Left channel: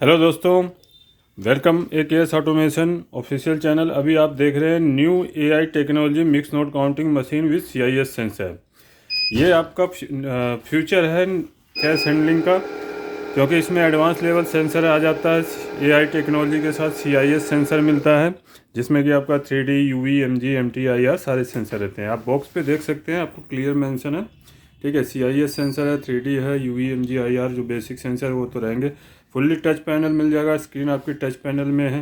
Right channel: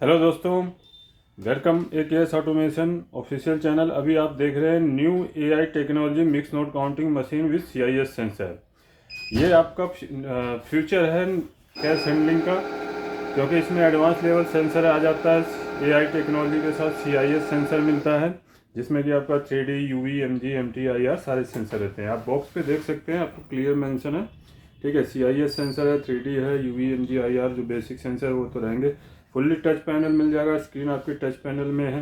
Hello दोस्तों, welcome AKS automation official channel. अभी आप देख रहे हैं new AI technology mix note counting machine with CIS sensor. ये आपका फ्यूचर है कैश हैंडलिंग का, क्योंकि इसमें एडवांस लेवल सेंसर आ जाता है। AI टेक्नोलॉजी के साथ CIS सेंसर मिलता है, जिसमें कि आपका 3D, UV, MG, MTIR सारे सेंसर रहते हैं। आप बॉक्स पे देख सकते हैं, आपको क्लियर मेंशन है। ठीक है, CIS सेंसर है, 3D है, UV, MG, IR जो बेसिक सेंसर है वो तो रहेंगे। फुल्ली टच पैनल मिल जाएगा, स्क्रीन आपकी टच पैनल में है।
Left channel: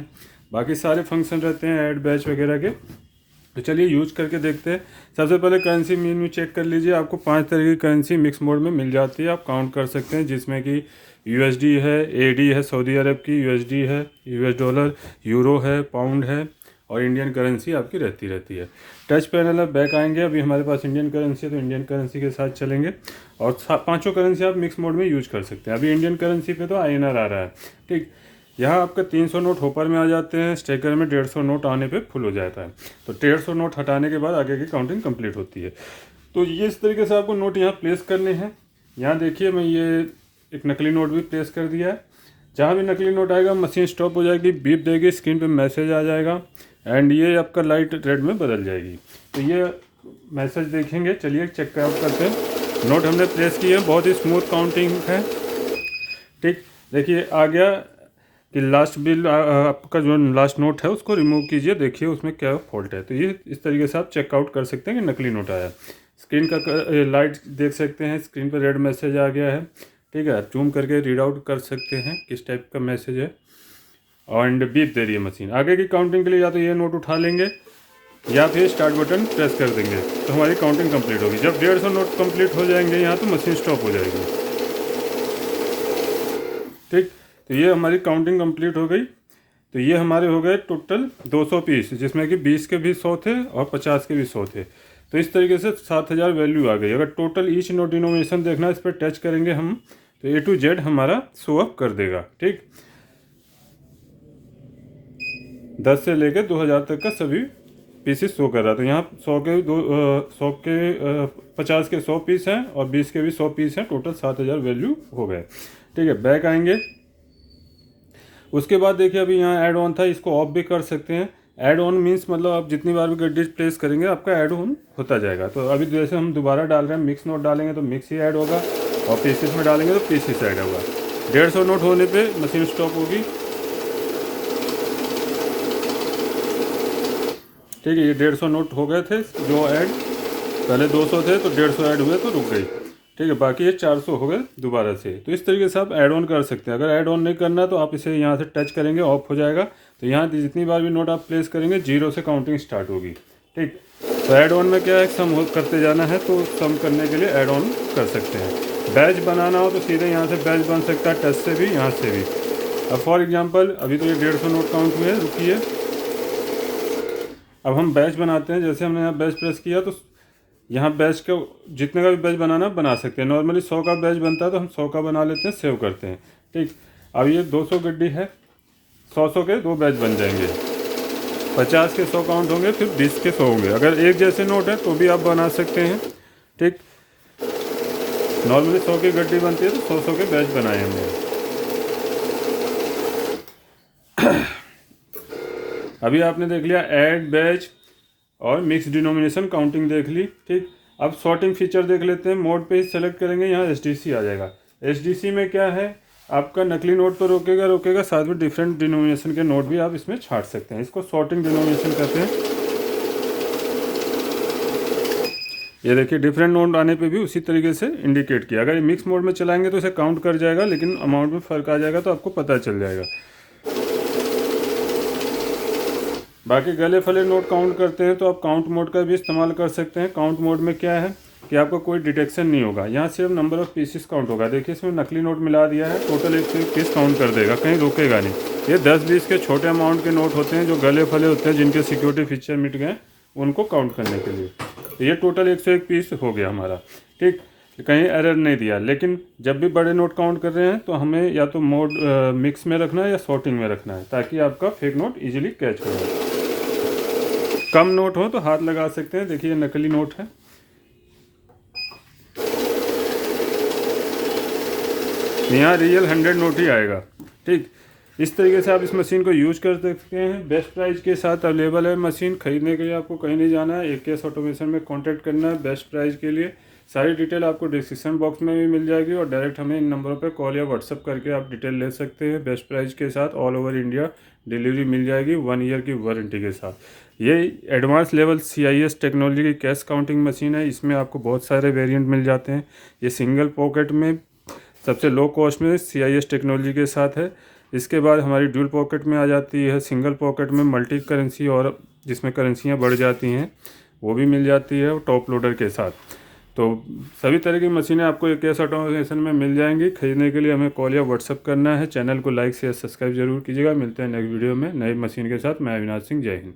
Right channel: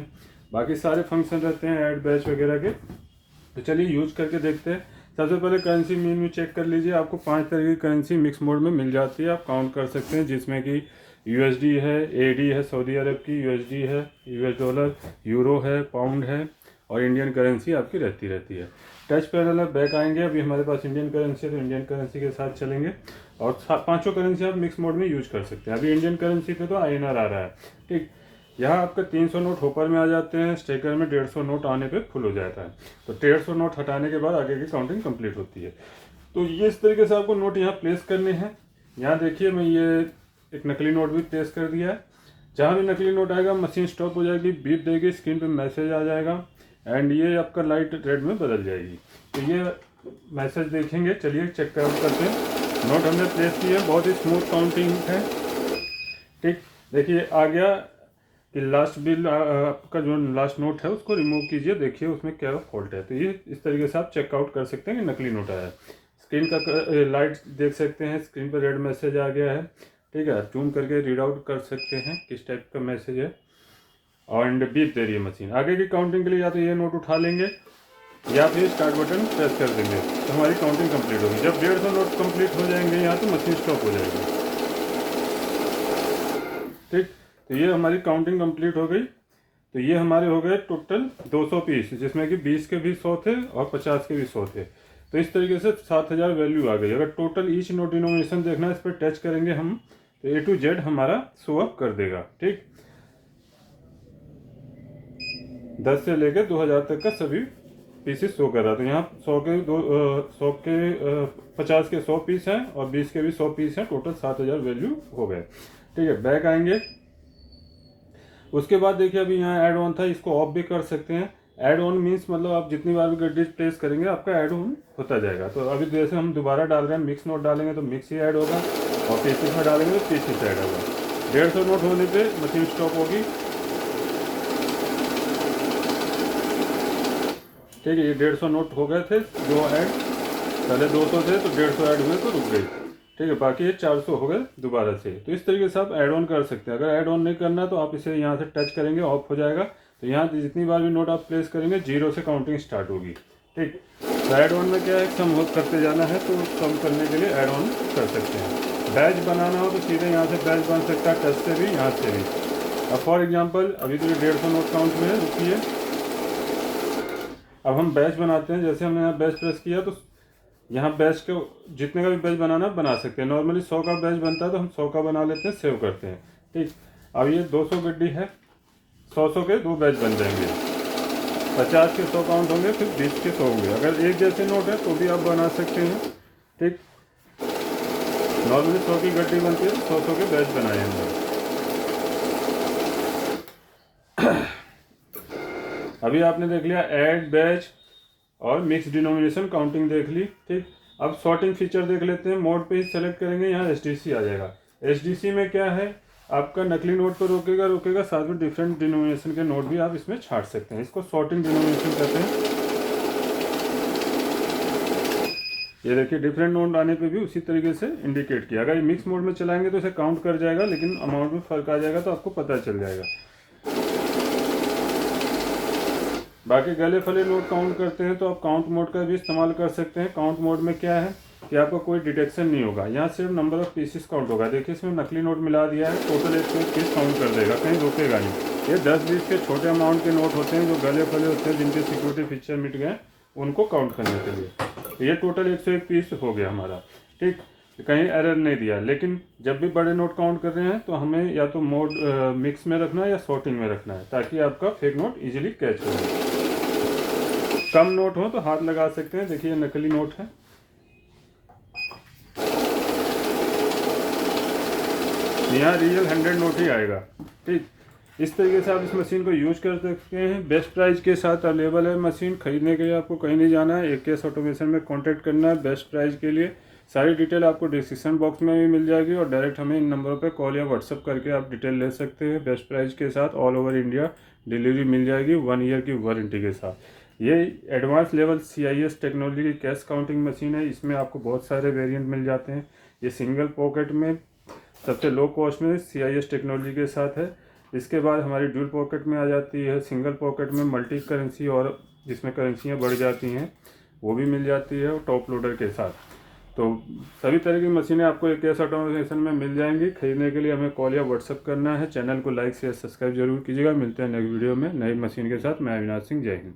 बाकी सारे फंक्शन रहते हैं ऐड बैच वगैरह के। तो चलिए यूज करके देखते हैं। सबसे पहले करेंसी मेन्यू चेक कर लीजिए। आपको 5 तरह की करेंसी मिक्स मोड में मिल जाती है, आप काउंट कर सकते हैं, जिसमें कि USD है, AD है सऊदी अरब की, USD है, US डॉलर, यूरो है, पाउंड है, और इंडियन करेंसी आपकी रहती है। टच पैनल में बैक आएंगे। अभी हमारे पास इंडियन करेंसी है तो इंडियन करेंसी के साथ चलेंगे, और पांचों करेंसी आप मिक्स मोड में यूज कर सकते हैं। अभी इंडियन करेंसी पे तो INR आ रहा है। ठीक, यहाँ आपका 300 नोट होपर में आ जाते हैं, स्टेकर में 150 नोट आने पे फुल हो जाता है। तो 150 नोट हटाने के बाद आगे की काउंटिंग कंप्लीट होती है। तो ये इस तरीके से आपको नोट यहाँ प्लेस करने हैं। यहाँ देखिए, मैं ये एक नकली नोट भी प्लेस कर दिया है। जहाँ भी नकली नोट आएगा मशीन स्टॉप हो जाएगी, बीप देगी, स्क्रीन पे मैसेज आ जाएगा, एंड ये आपका लाइट रेड में बदल जाएगी। तो ये मैसेज देखेंगे। चलिए चेक आउट करते हैं। नोट हमने प्लेस किए हैं, बहुत ही स्मूथ काउंटिंग है। ठीक, देखिए आ गया कि लास्ट बिल आपका जो लास्ट नोट है उसको रिमूव कीजिए, देखिए उसमें क्या फॉल्ट है। तो ये इस तरीके से आप चेकआउट कर सकते हैं कि नकली नोट आया है। स्क्रीन का लाइट देख सकते हैं, स्क्रीन पर रेड मैसेज आ गया है। ठीक है, जूम करके रीड आउट कर सकते हैं किस टाइप का मैसेज है, और एंड बीप दे रही है मशीन। आगे की काउंटिंग के लिए या तो ये नोट उठा लेंगे या फिर स्टार्ट बटन प्रेस कर देंगे, तो हमारी काउंटिंग कंप्लीट होगी। जब 150 नोट कंप्लीट हो जाएंगे यहाँ तो मशीन स्टॉप हो जाएगी। ठीक, तो ये हमारी काउंटिंग कंप्लीट हो गई। तो ये हमारे हो गए टोटल 200 पीस, जिसमें कि 20 के भी 100 थे और 50 के भी 100 थे। तो इस तरीके से 7000 वैल्यू आ गई। अगर टोटल ईच नोट डिनोमिनेशन देखना है, इस पर टच करेंगे हम तो A to Z हमारा शो अप कर देगा। ठीक, 10 से लेकर 2000 तक का सभी पीसेस शो कर रहा। तो यहाँ 50 के 100 पीस हैं और 20 के भी 100 पीस हैं। टोटल 7000 वैल्यू हो गए। ठीक है, बैक आएंगे। उसके बाद देखिए, अभी यहाँ ऐड ऑन था, इसको ऑफ भी कर सकते हैं। ऐड ऑन मीन्स मतलब आप जितनी बार भी गड्डी प्लेस करेंगे आपका ऐड ऑन होता जाएगा। तो अभी जैसे हम दोबारा डाल रहे हैं, मिक्स नोट डालेंगे तो मिक्स ही ऐड होगा, और पीसेस में डालेंगे तो पीसेस ऐड होगा। 150 नोट होने पे मशीन स्टॉप होगी। ठीक है, ये 150 नोट हो गए थे जो ऐड, पहले 200 थे तो 150 ऐड हुए तो रुक गई। ठीक है, बाकी ये 400 हो गए दोबारा से। तो इस तरीके से आप ऐड ऑन कर सकते हैं। अगर ऐड ऑन नहीं करना तो आप इसे यहाँ से टच करेंगे, ऑफ हो जाएगा। तो यहाँ जितनी बार भी नोट आप प्लेस करेंगे 0 से काउंटिंग स्टार्ट होगी। ठीक, तो ऐड ऑन में क्या है, सम करते जाना है, तो सम करने के लिए ऐड ऑन कर सकते हैं। बैच बनाना हो तो सीधे यहाँ से बैच बन सकता है, टच से भी, यहाँ से भी। अब फॉर एग्जाम्पल अभी तो ये 150 नोट काउंट में है, रुकिए। अब हम बैच बनाते हैं। जैसे हमने यहाँ बैच प्रेस किया तो यहाँ बैच के जितने का भी बैच बनाना बना सकते हैं। नॉर्मली 100 का बैच बनता है तो हम 100 का बना लेते हैं, सेव करते हैं। ठीक, अब ये 200 गड्डी है, 100 के 2 बैच बन जाएंगे। 50 के 100 काउंट होंगे, फिर 20 के 100 होंगे। अगर एक जैसे नोट है तो भी आप बना सकते हैं। ठीक, नॉर्मली 100 की गड्डी बनती है तो 100 के बैच बनाए हमने। अभी आपने देख लिया ऐड, बैच और मिक्स डिनोमिनेशन काउंटिंग देख ली। ठीक, अब सॉर्टिंग फीचर देख लेते हैं। मोड पे ही सेलेक्ट करेंगे, यहाँ SDC आ जाएगा। SDC में क्या है, आपका नकली नोट तो रोकेगा, साथ में डिफरेंट डिनोमिनेशन के नोट भी आप इसमें छांट सकते हैं। इसको सॉर्टिंग डिनोमिनेशन कहते हैं। ये देखिए, डिफरेंट नोट आने पे भी उसी तरीके से इंडिकेट किया। अगर मिक्स मोड में चलाएंगे तो इसे काउंट कर जाएगा, लेकिन अमाउंट में फ़र्क आ जाएगा तो आपको पता चल जाएगा। बाकी गले फले नोट काउंट करते हैं तो आप काउंट मोड का भी इस्तेमाल कर सकते हैं। काउंट मोड में क्या है कि आपका कोई डिटेक्शन नहीं होगा, यहाँ सिर्फ नंबर ऑफ पीसेस काउंट होगा। देखिए, इसमें नकली नोट मिला दिया है, टोटल 101 पीस काउंट कर देगा, कहीं रुकेगा नहीं। ये 10-20 के छोटे अमाउंट के नोट होते हैं जो गले फले होते हैं, जिनके सिक्योरिटी फीचर मिट गए, उनको काउंट करने के लिए। तो ये टोटल 101 पीस हो गया हमारा। ठीक, कहीं एरर नहीं दिया। लेकिन जब भी बड़े नोट काउंट कर रहे हैं तो हमें या तो मोड मिक्स में रखना है या सॉर्टिंग में रखना है, ताकि आपका फेक नोट ईजिली कैच हो। कम नोट हो तो हाथ लगा सकते हैं। देखिए, नकली नोट है। यहाँ रियल 100 नोट ही आएगा। ठीक, इस तरीके से आप इस मशीन को यूज कर सकते हैं। बेस्ट प्राइस के साथ अवेलेबल है मशीन। खरीदने के लिए आपको कहीं नहीं जाना है, AKS ऑटोमेशन में कॉन्टैक्ट करना है बेस्ट प्राइस के लिए। सारी डिटेल आपको डिस्क्रिप्शन बॉक्स में भी मिल जाएगी और डायरेक्ट हमें इन नंबरों पर कॉल या व्हाट्सअप करके आप डिटेल ले सकते हैं। बेस्ट प्राइस के साथ ऑल ओवर इंडिया डिलीवरी मिल जाएगी 1 ईयर की वारंटी के साथ। ये एडवांस लेवल CIS टेक्नोलॉजी की कैश काउंटिंग मशीन है। इसमें आपको बहुत सारे वेरिएंट मिल जाते हैं। ये सिंगल पॉकेट में सबसे लो कॉस्ट में CIS टेक्नोलॉजी के साथ है। इसके बाद हमारी ड्यूल पॉकेट में आ जाती है, सिंगल पॉकेट में मल्टी करेंसी और जिसमें करेंसियाँ बढ़ जाती हैं वो भी मिल जाती है, और टॉप लोडर के साथ। तो सभी तरह की मशीनें आपको AKS ऑटोमेशन में मिल जाएंगी। खरीदने के लिए हमें कॉल या व्हाट्सअप करना है। चैनल को लाइक शेयर सब्सक्राइब जरूर कीजिएगा। मिलते हैं नेक्स्ट वीडियो में नई मशीन के साथ। मैं अविनाश सिंह, जय हिंद।